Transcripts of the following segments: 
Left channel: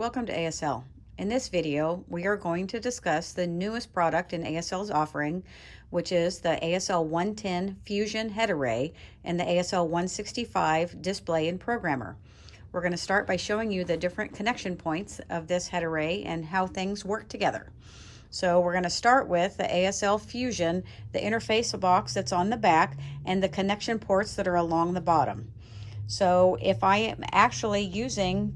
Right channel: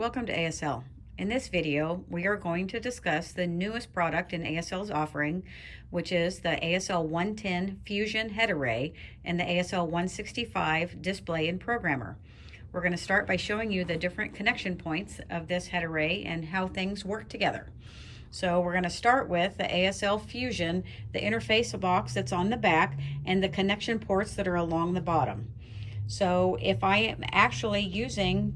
Welcome to ASL. In this video, we are going to discuss the newest product in ASL's offering, which is the ASL 110 Fusion Head Array and the ASL 165 Display and Programmer. We're going to start by showing you the different connection points of this head array and how things work together. So we're going to start with the ASL Fusion, the interface box that's on the back, and the connection ports that are along the bottom. So if I am actually using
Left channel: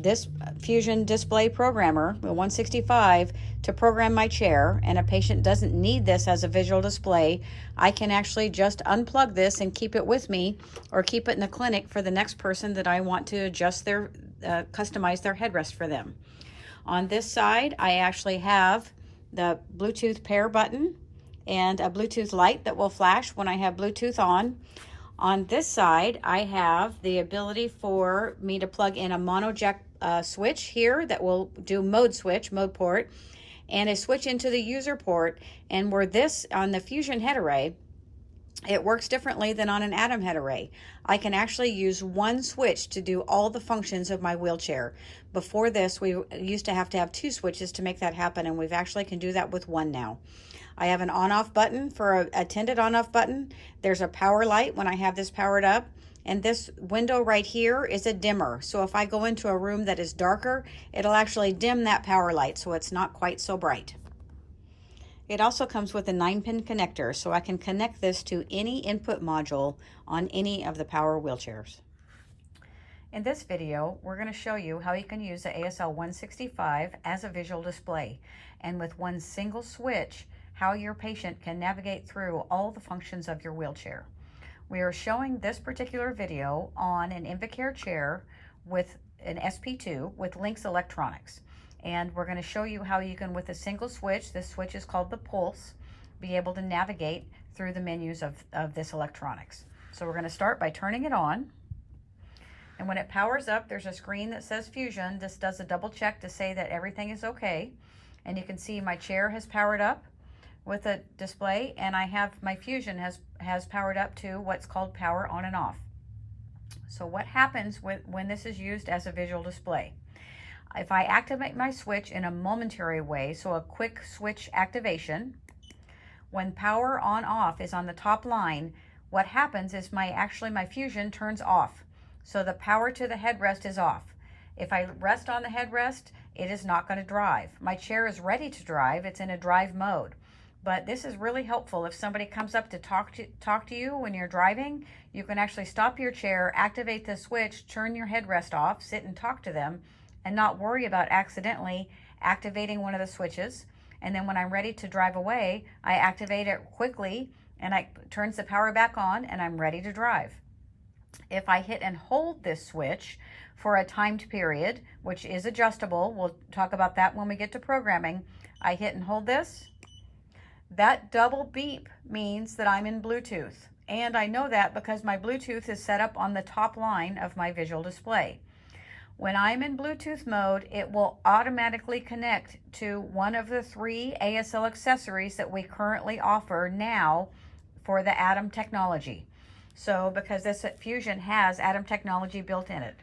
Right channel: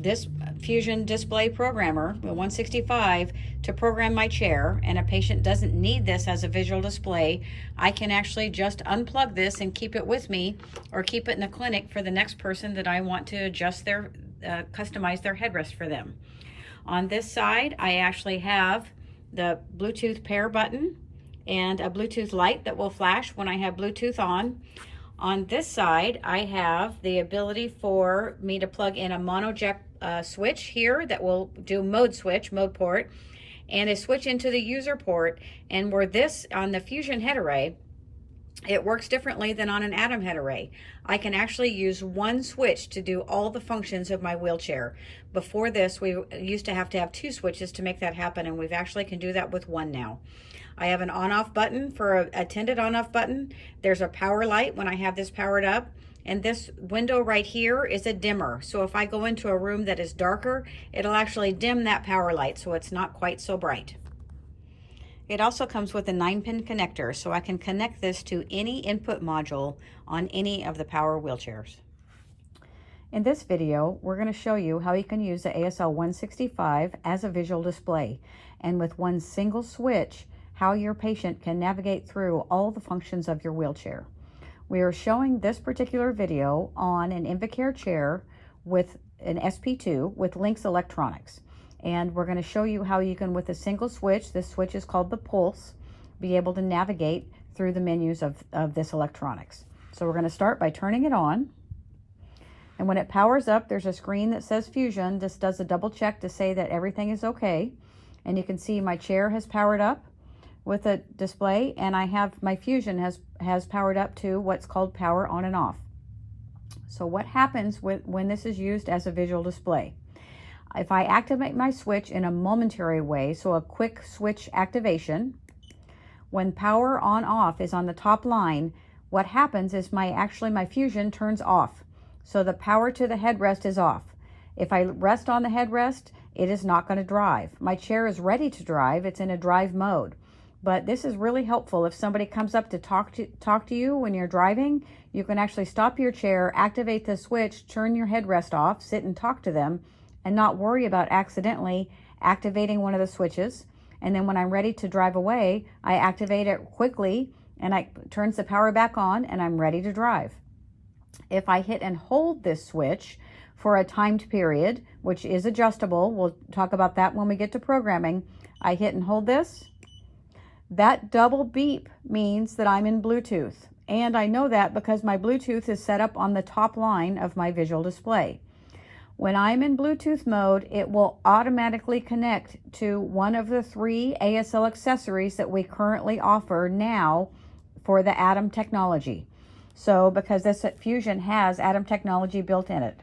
this Fusion Display Programmer, the 165, to program my chair, and a patient doesn't need this as a visual display, I can actually just unplug this and keep it with me, or keep it in the clinic for the next person that I want to adjust their, customize their headrest for them. On this side, I actually have the Bluetooth pair button and a Bluetooth light that will flash when I have Bluetooth on. On this side, I have the ability for me to plug in a mono jack switch here that will do mode port, and a switch into the user port. And where this, on the Fusion head array, it works differently than on an Atom head array. I can actually use one switch to do all the functions of my wheelchair. Before this, we used to have two switches to make that happen, and we've actually can do that with one now. I have an on-off button for a tinted on-off button. There's a power light when I have this powered up. And this window right here is a dimmer. So if I go into a room that is darker, it'll actually dim that power light so it's not quite so bright. It also comes with a 9-pin connector, so I can connect this to any input module on any of the power wheelchairs. In this video, we're going to show you how you can use the ASL 165 as a visual display, and with one single switch, how your patient can navigate through all the functions of your wheelchair. We are showing this particular video on an Invacare chair with an SP2 with Lynx Electronics. And we're going to show you how you can, with a single switch, this switch is called the Pulse, be able to navigate through the menus of this electronics. So we're going to start by turning it on. And when it powers up, there's a screen that says Fusion. This does a double check to say that everything is okay. And you can see my chair has powered up with a display, and I have my Fusion has powered up to what's called power on and off. So what happens when this is used as a visual display? If I activate my switch in a momentary way, so a quick switch activation, when power on off is on the top line, what happens is my Fusion turns off. So the power to the headrest is off. If I rest on the headrest, it is not going to drive. My chair is ready to drive. It's in a drive mode. But this is really helpful if somebody comes up to talk to you when you're driving. You can actually stop your chair, activate the switch, turn your headrest off, sit and talk to them, and not worry about accidentally activating one of the switches. And then when I'm ready to drive away, I activate it quickly, and it turns the power back on, and I'm ready to drive. If I hit and hold this switch for a timed period, which is adjustable, we'll talk about that when we get to programming. I hit and hold this. That double beep means that I'm in Bluetooth, and I know that because my Bluetooth is set up on the top line of my visual display. When I'm in Bluetooth mode, it will automatically connect to one of the 3 ASL accessories that we currently offer now for the Atom technology. So because this Fusion has Atom technology built in it.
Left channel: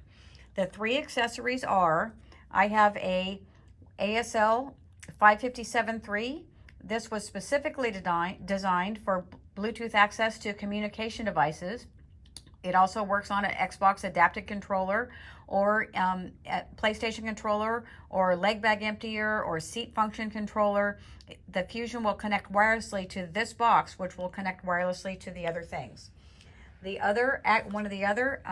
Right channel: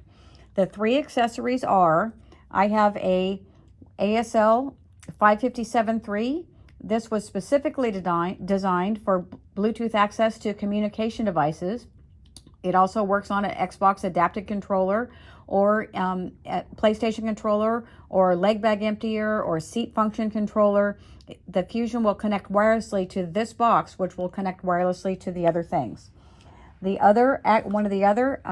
The 3 accessories are, I have a ASL 557.3. This was specifically designed for Bluetooth access to communication devices. It also works on an Xbox adapted controller, or a PlayStation controller, or leg bag emptier, or seat function controller. The Fusion will connect wirelessly to this box, which will connect wirelessly to the other things. One of the other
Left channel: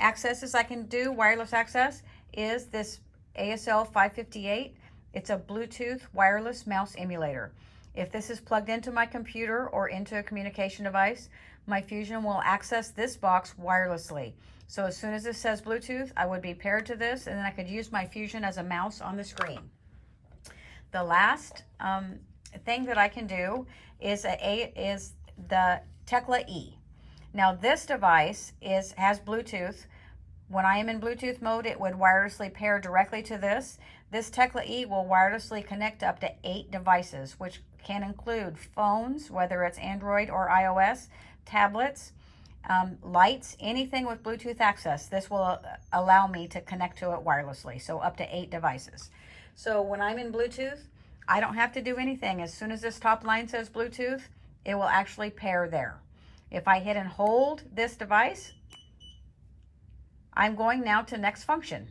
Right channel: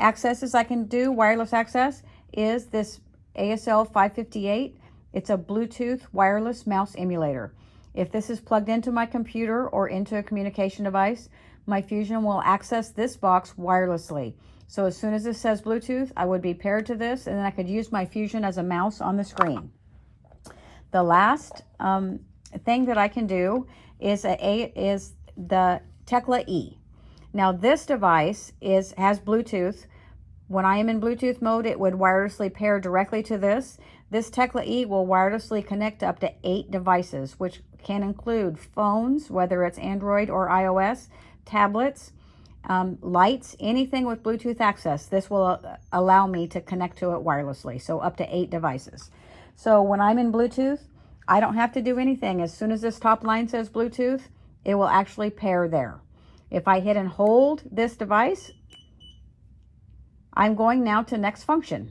accesses I can do, wireless access, is this ASL 558. It's a Bluetooth wireless mouse emulator. If this is plugged into my computer or into a communication device, my Fusion will access this box wirelessly. So as soon as this says Bluetooth, I would be paired to this, and then I could use my Fusion as a mouse on the screen. The last thing that I can do is the Tekla E. Now this device has Bluetooth. When I am in Bluetooth mode, it would wirelessly pair directly to this. This Tekla E will wirelessly connect to up to 8 devices, which can include phones, whether it's Android or iOS, tablets, lights, anything with Bluetooth access. This will allow me to connect to it wirelessly, so up to 8 devices. So when I'm in Bluetooth, I don't have to do anything. As soon as this top line says Bluetooth, it will actually pair there. If I hit and hold this device, I'm going now to next function.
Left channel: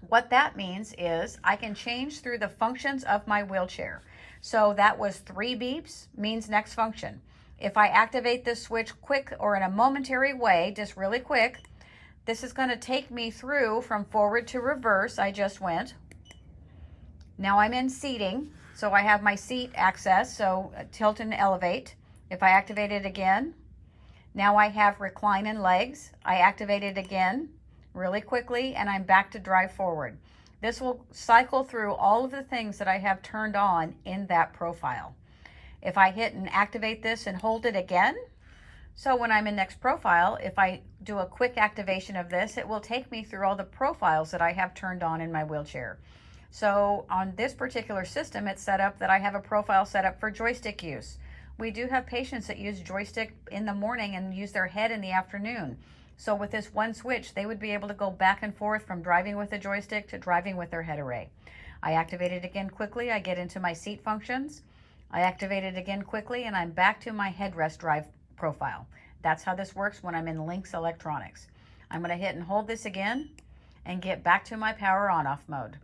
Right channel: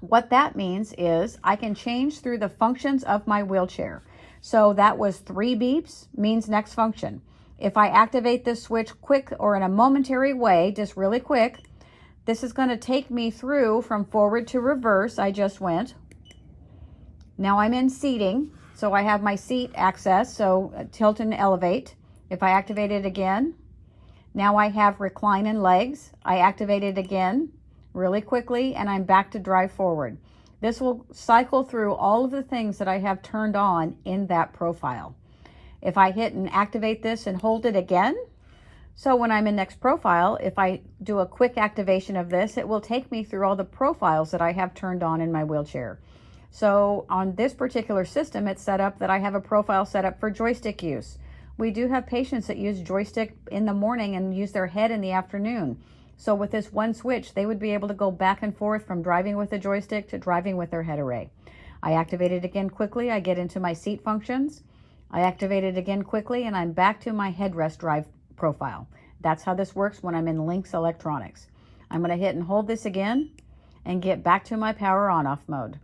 What that means is I can change through the functions of my wheelchair. So that was 3 beeps, means next function. If I activate this switch quick or in a momentary way, just really quick, this is going to take me through from forward to reverse. I just went. Now I'm in seating, so I have my seat access, so tilt and elevate. If I activate it again, now I have recline and legs. I activate it again really quickly, and I'm back to drive forward. This will cycle through all of the things that I have turned on in that profile. If I hit and activate this and hold it again, so when I'm in next profile, if I do a quick activation of this, it will take me through all the profiles that I have turned on in my wheelchair. So on this particular system, it's set up that I have a profile set up for joystick use. We do have patients that use joystick in the morning and use their head in the afternoon. So with this one switch, they would be able to go back and forth from driving with a joystick to driving with their head array. I activate it again quickly. I get into my seat functions. I activate it again quickly, and I'm back to my headrest drive profile. That's how this works when I'm in Lynx Electronics. I'm going to hit and hold this again and get back to my power on-off mode.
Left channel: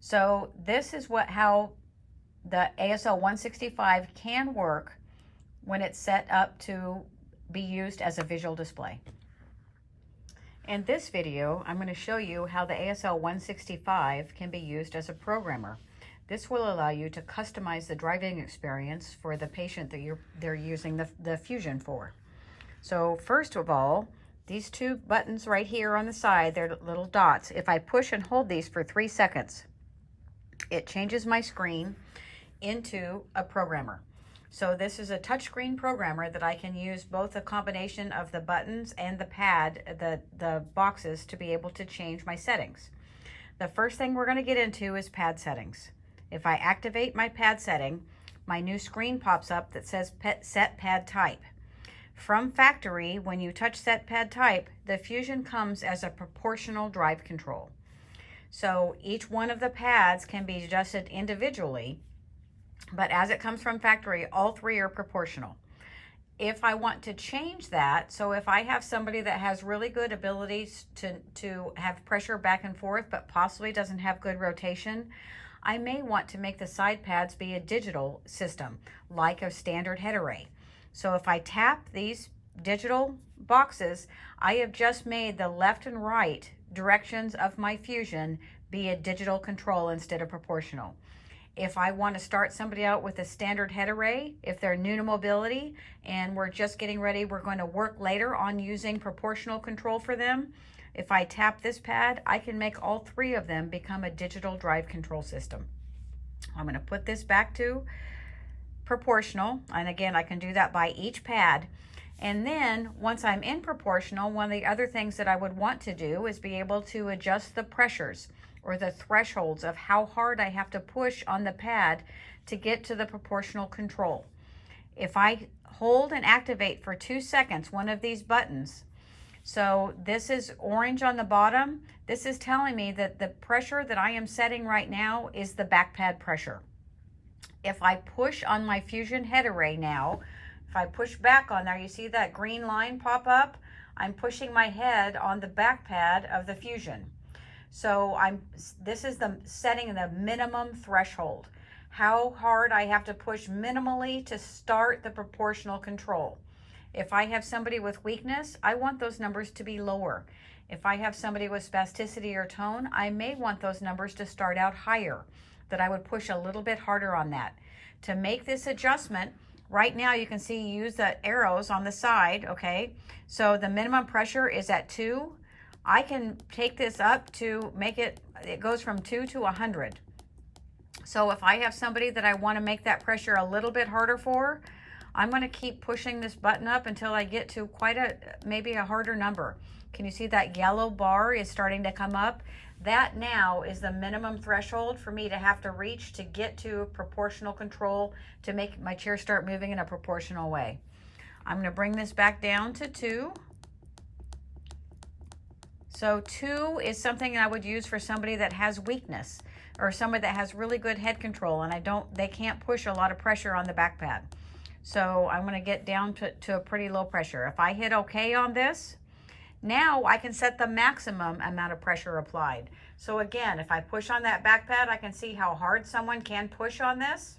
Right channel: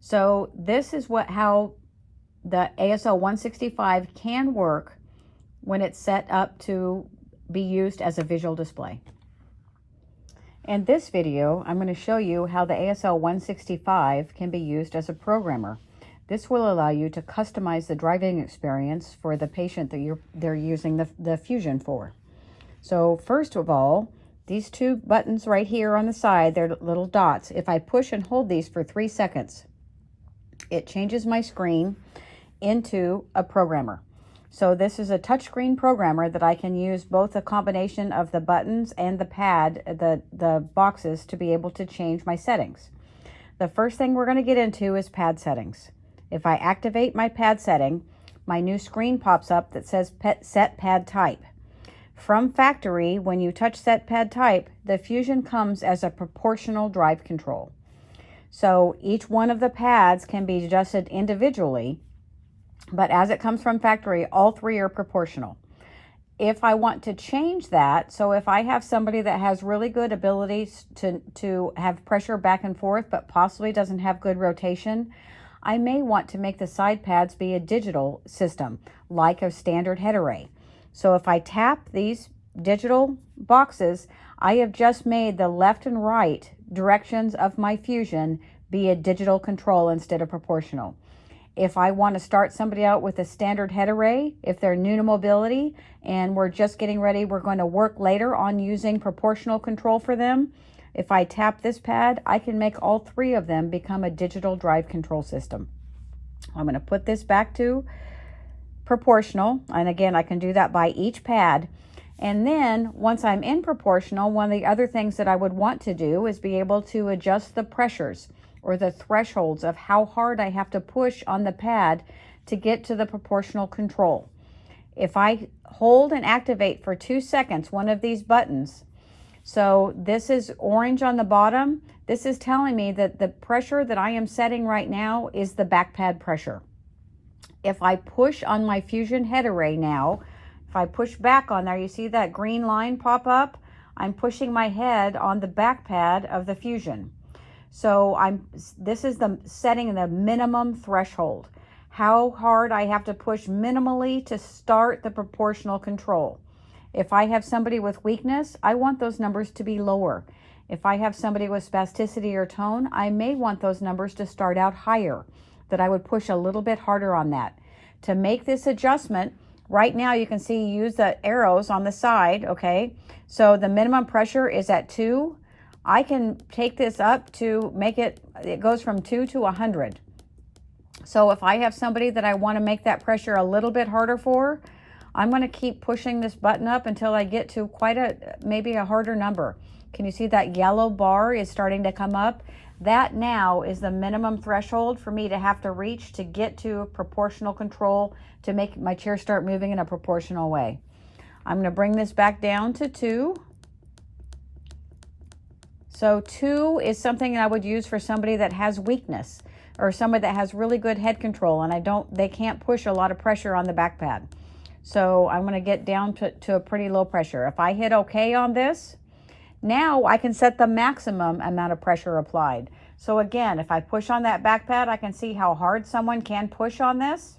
So this is how the ASL 165 can work when it's set up to be used as a visual display. In this video, I'm going to show you how the ASL 165 can be used as a programmer. This will allow you to customize the driving experience for the patient that they're using the Fusion for. So first of all, these 2 buttons right here on the side, they're little dots. If I push and hold these for 3 seconds, it changes my screen into a programmer. So this is a touchscreen programmer that I can use both a combination of the buttons and the pad, the boxes, to be able to change my settings. The first thing we're going to get into is pad settings. If I activate my pad setting, my new screen pops up that says set pad type. From factory, when you touch set pad type, the Fusion comes as a proportional drive control. So each one of the pads can be adjusted individually, but as it comes from factory, all 3 are proportional. If I want to change that, so if I have somebody that has really good abilities to have pressure back and forth, but possibly doesn't have good rotation, I may want to make the side pads be a digital system, like a standard head array. So if I tap these digital boxes, I have just made the left and right directions of my Fusion be a digital control instead of proportional. If I want to start somebody out with a standard head array, if they're new to mobility and we're just getting ready, we're going to work later on using proportional control for them. If I tap this pad, I can make all 3 of them become a digital drive control system. I'm going to put this back to proportional. And again, I can do that by each pad. And then once I'm in proportional, one of the other things that I would want to do is be able to adjust the pressures or the thresholds of how hard I have to push on the pad to get to the proportional control. If I hold and activate for 2 seconds one of these buttons, so this is orange on the bottom, this is telling me that the pressure that I am setting right now is the back pad pressure. If I push on my Fusion head array now, if I push back on there, you see that green line pop up? I'm pushing my head on the back pad of the Fusion. So this is setting the minimum threshold. How hard I have to push minimally to start the proportional control. If I have somebody with weakness, I want those numbers to be lower. If I have somebody with spasticity or tone, I may want those numbers to start out higher, that I would push a little bit harder on that. To make this adjustment, right now you can see use the arrows on the side, okay? So the minimum pressure is at 2. I can take this up to make it goes from 2 to 100. So if I have somebody that I want to make that pressure a little bit harder for, I'm going to keep pushing this button up until I get to maybe a harder number. Can you see that yellow bar is starting to come up? That now is the minimum threshold for me to have to reach to get to proportional control to make my chair start moving in a proportional way. I'm going to bring this back down to 2. So 2 is something that I would use for somebody that has weakness or somebody that has really good head control and they can't push a lot of pressure on the back pad. So I'm going to get down to a pretty low pressure. If I hit OK on this, now I can set the maximum amount of pressure applied. So again, if I push on that back pad, I can see how hard someone can push on this.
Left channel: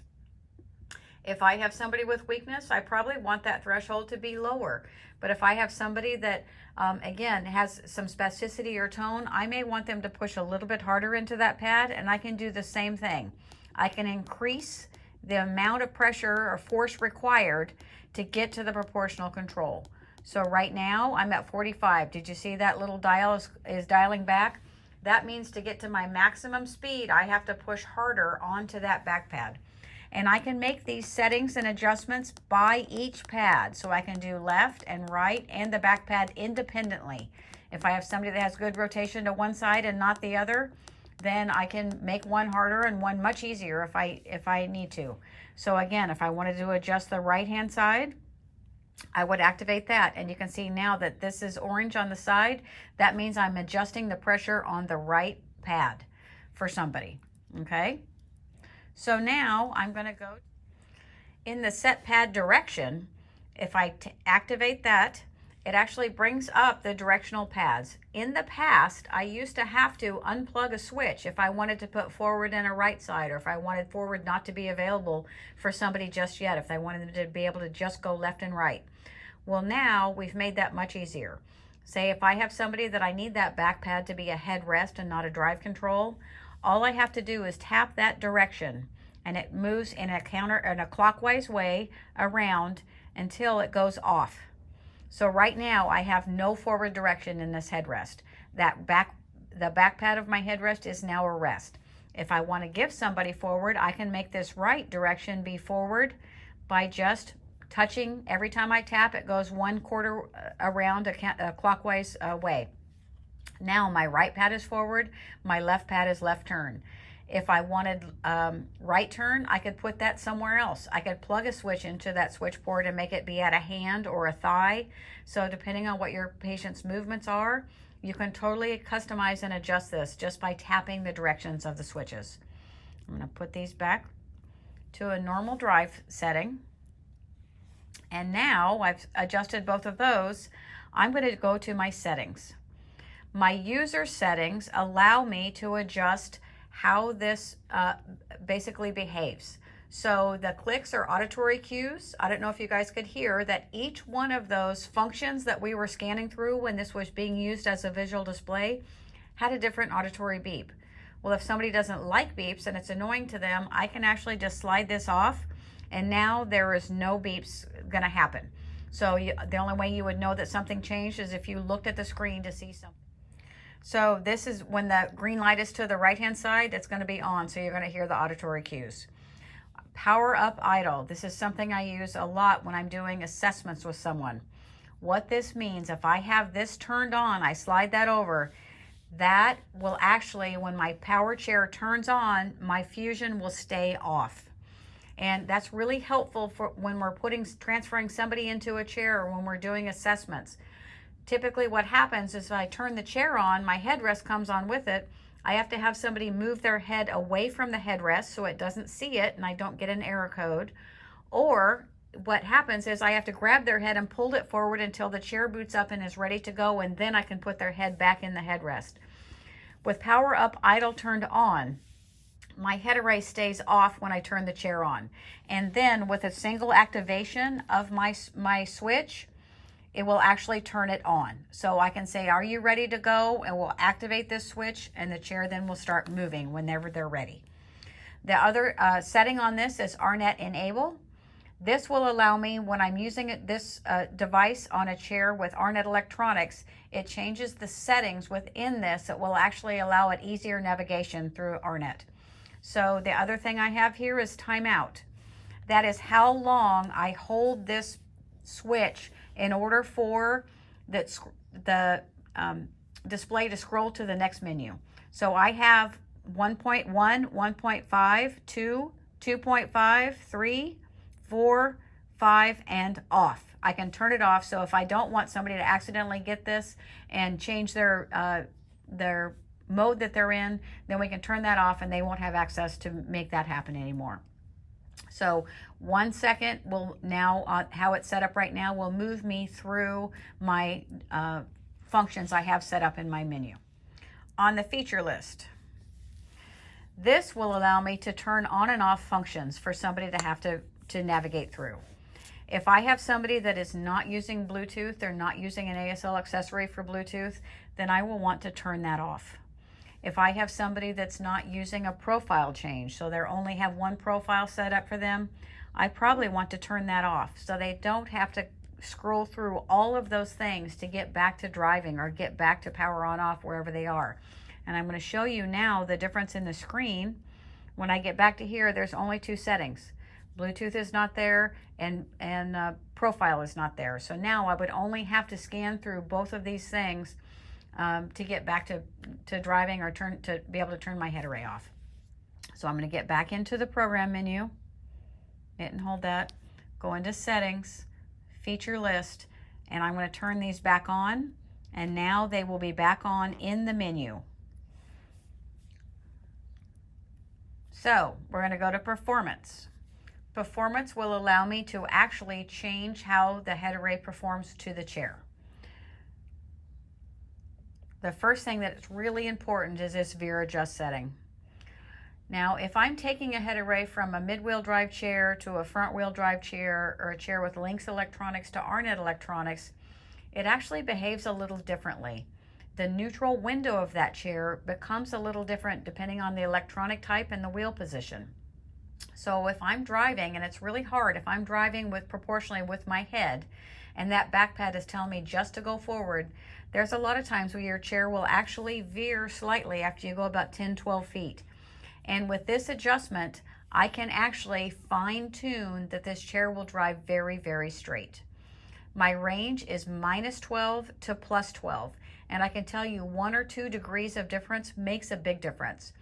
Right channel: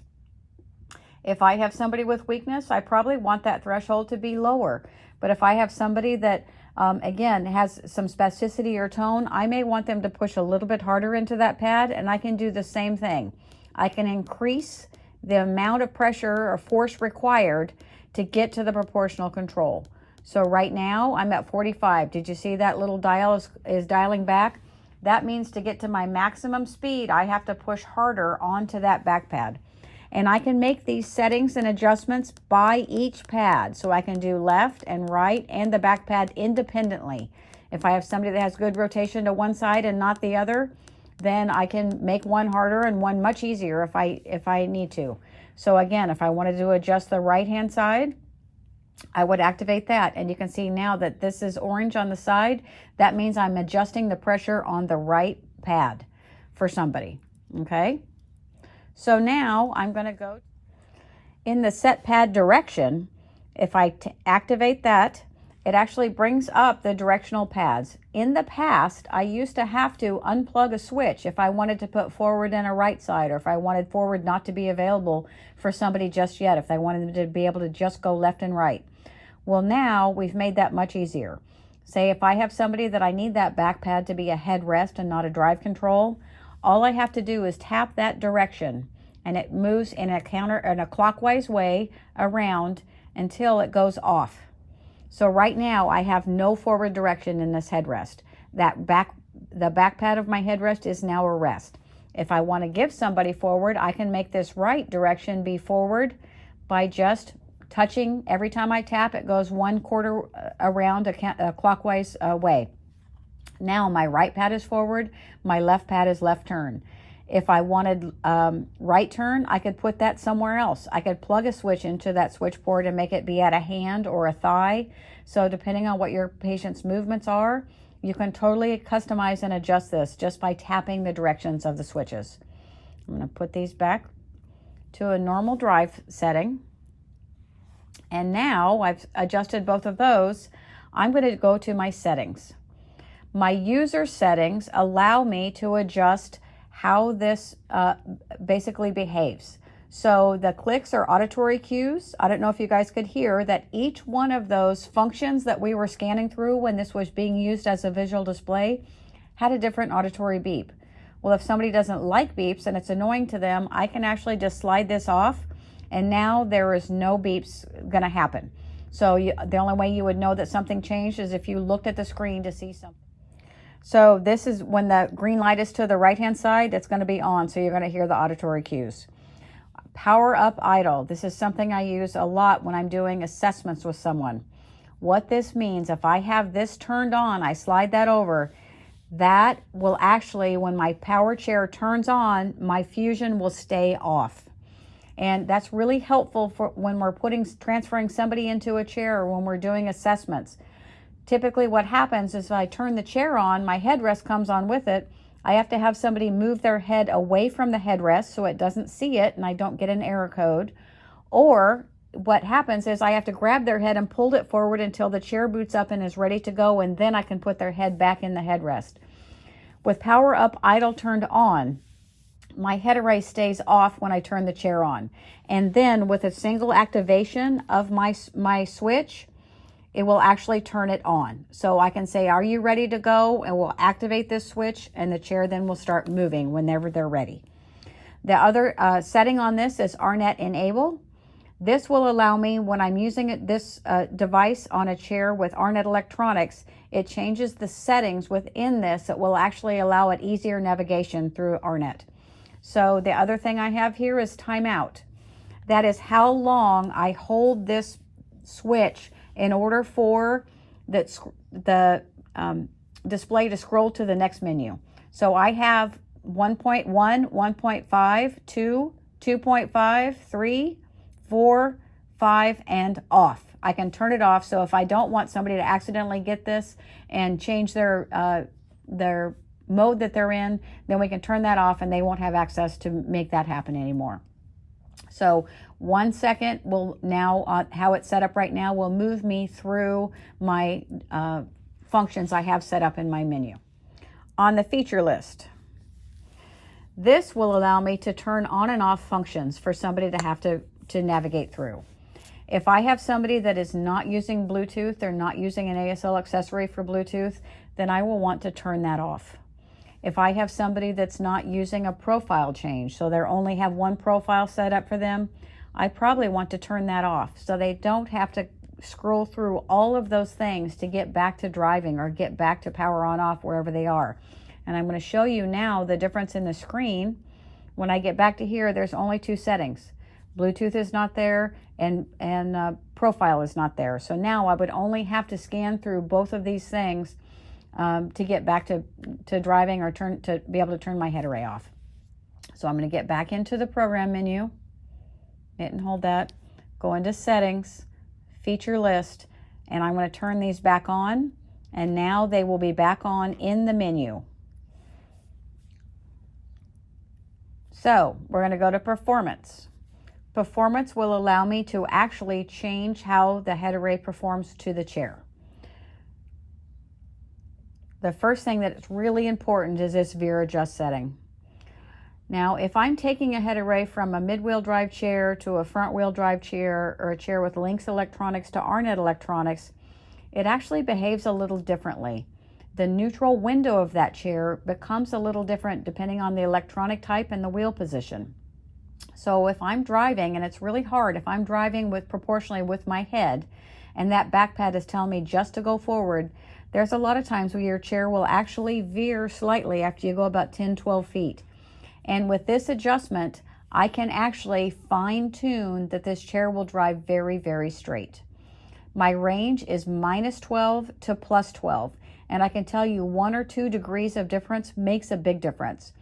If I have somebody with weakness, I probably want that threshold to be lower. But if I have somebody that, again, has some spasticity or tone, I may want them to push a little bit harder into that pad, and I can do the same thing. I can increase the amount of pressure or force required to get to the proportional control. So right now I'm at 45. Did you see that little dial is dialing back? That means to get to my maximum speed, I have to push harder onto that back pad. And I can make these settings and adjustments by each pad. So I can do left and right and the back pad independently. If I have somebody that has good rotation to one side and not the other, then I can make one harder and one much easier if I need to. So again, if I wanted to adjust the right hand side, I would activate that. And you can see now that this is orange on the side. That means I'm adjusting the pressure on the right pad for somebody. Okay. So now I'm going to go in the set pad direction. If I activate that, it actually brings up the directional pads. In the past, I used to have to unplug a switch if I wanted to put forward in a right side, or if I wanted forward not to be available for somebody just yet, if they wanted them to be able to just go left and right. Well, now we've made that much easier. Say if I have somebody that I need that back pad to be a headrest and not a drive control, all I have to do is tap that direction and it moves in a clockwise way around until it goes off. So right now I have no forward direction in this headrest. The back pad of my headrest is now a rest. If I want to give somebody forward, I can make this right direction be forward by just touching. Every time I tap, it goes 1/4 around a clockwise way. Now my right pad is forward, my left pad is left turn. If I wanted right turn, I could put that somewhere else. I could plug a switch into that switch port and make it be at a hand or a thigh. So depending on what your patient's movements are, you can totally customize and adjust this just by tapping the directions of the switches. I'm going to put these back to a normal drive setting. And now I've adjusted both of those. I'm going to go to my settings. My user settings allow me to adjust how this basically behaves. So the clicks are auditory cues. I don't know if you guys could hear that each one of those functions that we were scanning through when this was being used as a visual display had a different auditory beep. Well, if somebody doesn't like beeps and it's annoying to them, I can actually just slide this off and now there is no beeps going to happen. So the only way you would know that something changed is if you looked at the screen to see something. So this is when the green light is to the right hand side, it's going to be on, so you're going to hear the auditory cues. Power up idle. This is something I use a lot when I'm doing assessments with someone. What this means, if I have this turned on, I slide that over, that will actually, when my power chair turns on, my fusion will stay off. And that's really helpful for when we're transferring somebody into a chair or when we're doing assessments. Typically what happens is if I turn the chair on, my headrest comes on with it. I have to have somebody move their head away from the headrest so it doesn't see it and I don't get an error code. Or what happens is I have to grab their head and pull it forward until the chair boots up and is ready to go, and then I can put their head back in the headrest. With power up idle turned on, my head array stays off when I turn the chair on. And then with a single activation of my switch, it will actually turn it on. So I can say, are you ready to go? And we'll activate this switch and the chair then will start moving whenever they're ready. The other setting on this is RNet Enable. This will allow me, when I'm using this device on a chair with RNet electronics, it changes the settings within this that will actually allow it easier navigation through RNet. So the other thing I have here is timeout. That is how long I hold this switch in order for the display to scroll to the next menu. So I have 1.1, 1.5, 2, 2.5, 3, 4, 5, and off. I can turn it off. So if I don't want somebody to accidentally get this and change their mode that they're in, then we can turn that off and they won't have access to make that happen anymore. So 1 second will now, how it's set up right now, will move me through my functions I have set up in my menu. On the feature list, this will allow me to turn on and off functions for somebody to have to navigate through. If I have somebody that is not using Bluetooth, they're not using an ASL accessory for Bluetooth, then I will want to turn that off. If I have somebody that's not using a profile change, so they only have one profile set up for them, I probably want to turn that off so they don't have to scroll through all of those things to get back to driving or get back to power on off wherever they are. And I'm going to show you now the difference in the screen. When I get back to here, there's only 2 settings. Bluetooth is not there and profile is not there. So now I would only have to scan through both of these things to get back to driving or to be able to turn my head array off. So I'm going to get back into the program menu, hit and hold that, go into settings, feature list, and I'm going to turn these back on, and now they will be back on in the menu. So we're going to go to performance. Performance will allow me to actually change how the head array performs to the chair. The first thing that's really important is this veer adjust setting. Now, if I'm taking a head array from a mid-wheel drive chair to a front-wheel drive chair or a chair with Lynx electronics to RNet electronics, it actually behaves a little differently. The neutral window of that chair becomes a little different depending on the electronic type and the wheel position. So if I'm driving, and it's really hard, if I'm driving proportionally with my head and that back pad is telling me just to go forward, there's a lot of times where your chair will actually veer slightly after you go about 10-12 feet. And with this adjustment, I can actually fine-tune that this chair will drive very, very straight. My range is -12 to +12, and I can tell you 1 or 2 degrees of difference makes a big difference.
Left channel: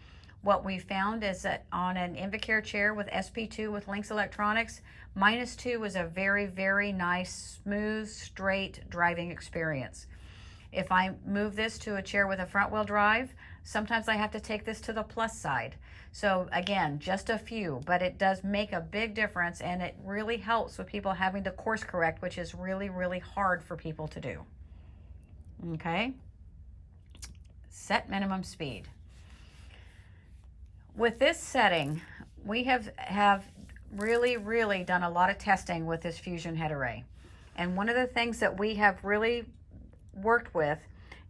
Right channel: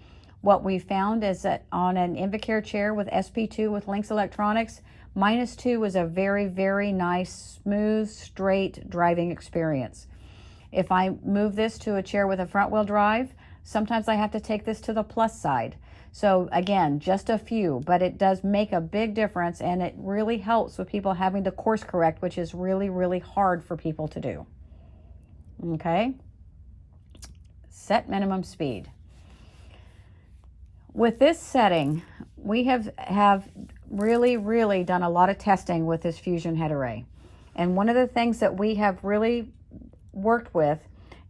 What we found is that on an Invacare chair with SP2 with Lynx electronics, -2 is a very, very nice, smooth, straight driving experience. If I move this to a chair with a front wheel drive, sometimes I have to take this to the plus side. So again, just a few, but it does make a big difference, and it really helps with people having to course correct, which is really, really hard for people to do. Okay. Set minimum speed. With this setting, we have really done a lot of testing with this Fusion head array. And one of the things that we have really worked with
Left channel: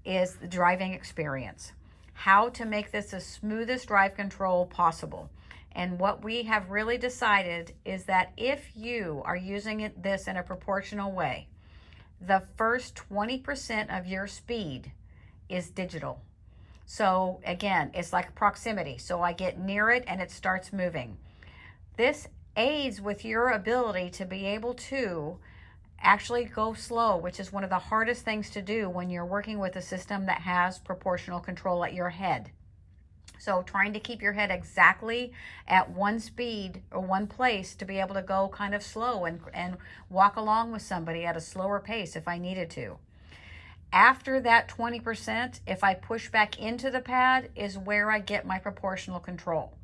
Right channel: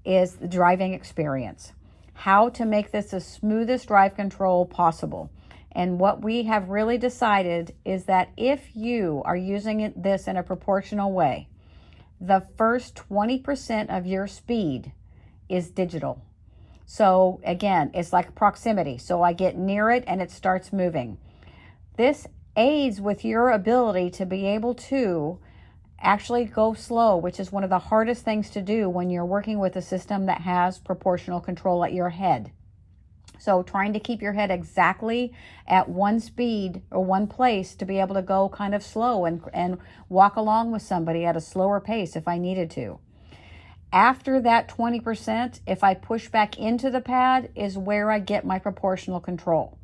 is the driving experience. How to make this the smoothest drive control possible. And what we have really decided is that if you are using this in a proportional way, the first 20% of your speed is digital. So again, it's like proximity. So I get near it and it starts moving. This aids with your ability to be able to actually go slow, which is one of the hardest things to do when you're working with a system that has proportional control at your head. So trying to keep your head exactly at one speed or one place to be able to go kind of slow and walk along with somebody at a slower pace if I needed to. After that 20%, if I push back into the pad, is where I get my proportional control.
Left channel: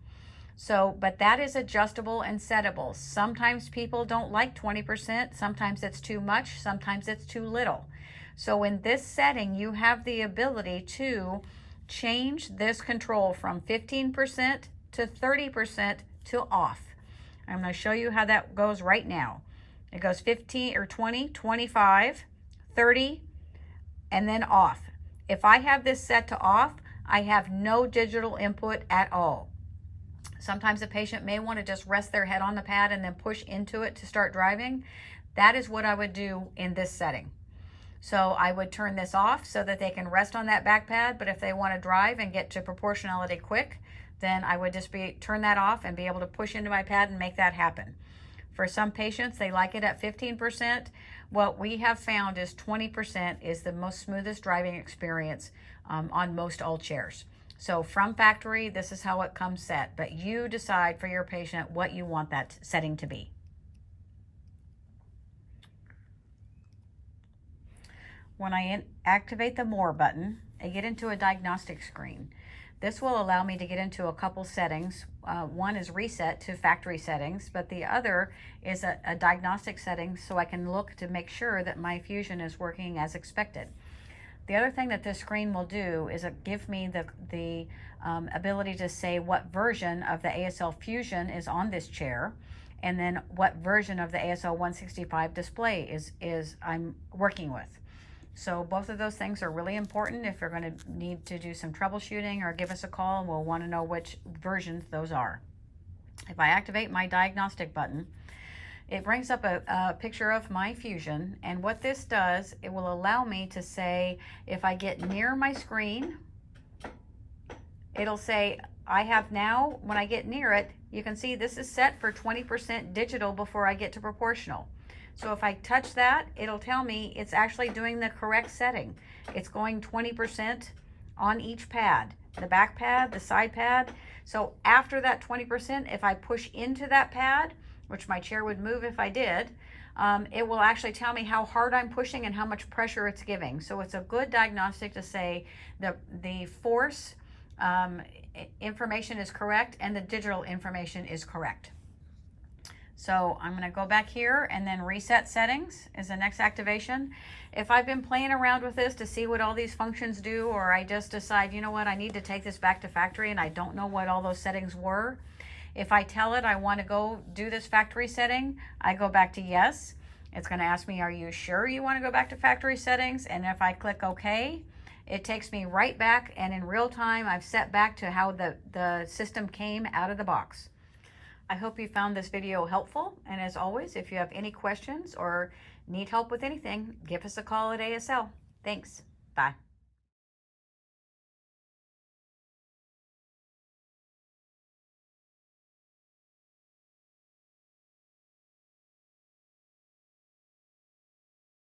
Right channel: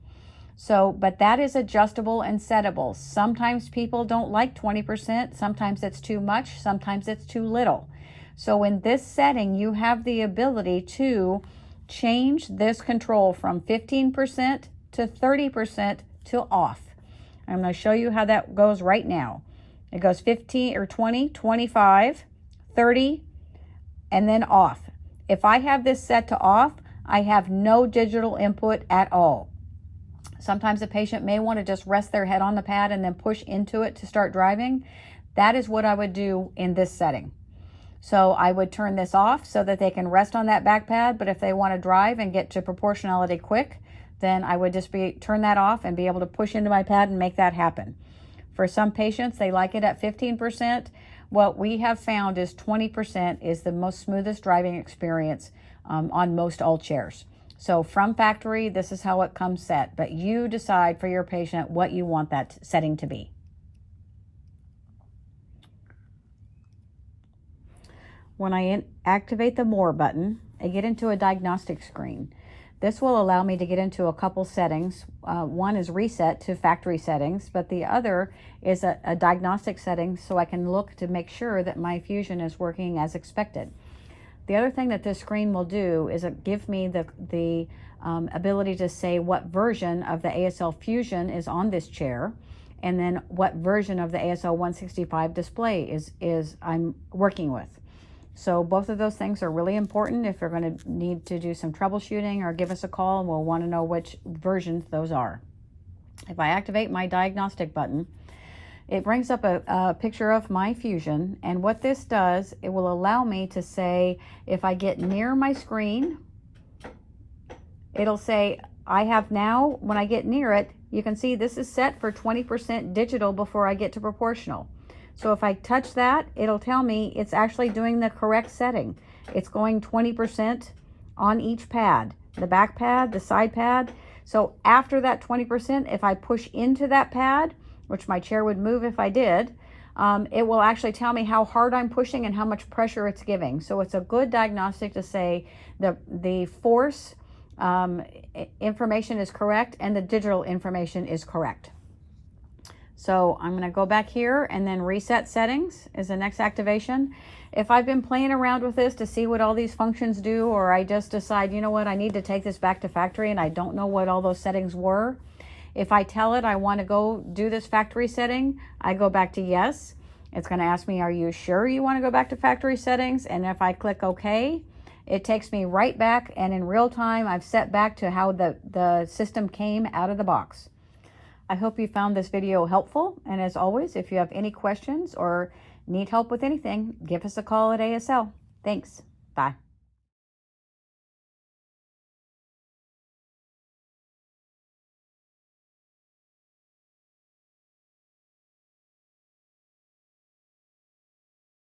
So, but that is adjustable and settable. Sometimes people don't like 20%. Sometimes it's too much. Sometimes it's too little. So in this setting, you have the ability to change this control from 15% to 30% to off. I'm going to show you how that goes right now. It goes 15 or 20, 25, 30, and then off. If I have this set to off, I have no digital input at all. Sometimes a patient may want to just rest their head on the pad and then push into it to start driving. That is what I would do in this setting. So I would turn this off so that they can rest on that back pad, but if they want to drive and get to proportionality quick, then I would just turn that off and be able to push into my pad and make that happen. For some patients, they like it at 15%. What we have found is 20% is the most smoothest driving experience on most all chairs. So from factory, this is how it comes set, but you decide for your patient what you want that setting to be. when I activate the More button, I get into a diagnostic screen. This will allow me to get into a couple settings. One is reset to factory settings, but the other is a diagnostic setting, so I can look to make sure that my Fusion is working as expected. The other thing that this screen will do is give me the ability to say what version of the ASL Fusion is on this chair, and then what version of the ASL 165 display is I'm working with. So both of those things are really important if you're going to need to do some troubleshooting, or give us a call and we'll want to know which versions those are. If I activate my diagnostic button, it brings up a picture of my Fusion, and what this does, it will allow me to say, if I get near my screen, it'll say I have now, when I get near it, you can see this is set for 20% digital before I get to proportional. So if I touch that, it'll tell me it's actually doing the correct setting. It's going 20% on each pad, the back pad, the side pad. So after that 20%, if I push into that pad, which my chair would move if I did, it will actually tell me how hard I'm pushing and how much pressure it's giving. So it's a good diagnostic to say the force information is correct and the digital information is correct. So I'm going to go back here, and then reset settings is the next activation. If I've been playing around with this to see what all these functions do, or I just decide, you know what, I need to take this back to factory and I don't know what all those settings were, if I tell it I want to go do this factory setting, I go back to yes. It's going to ask me, are you sure you want to go back to factory settings? And if I click OK, it takes me right back, and in real time I've set back to how the system came out of the box. I hope you found this video helpful, and as always, if you have any questions or need help with anything, give us a call at ASL. Thanks. Bye.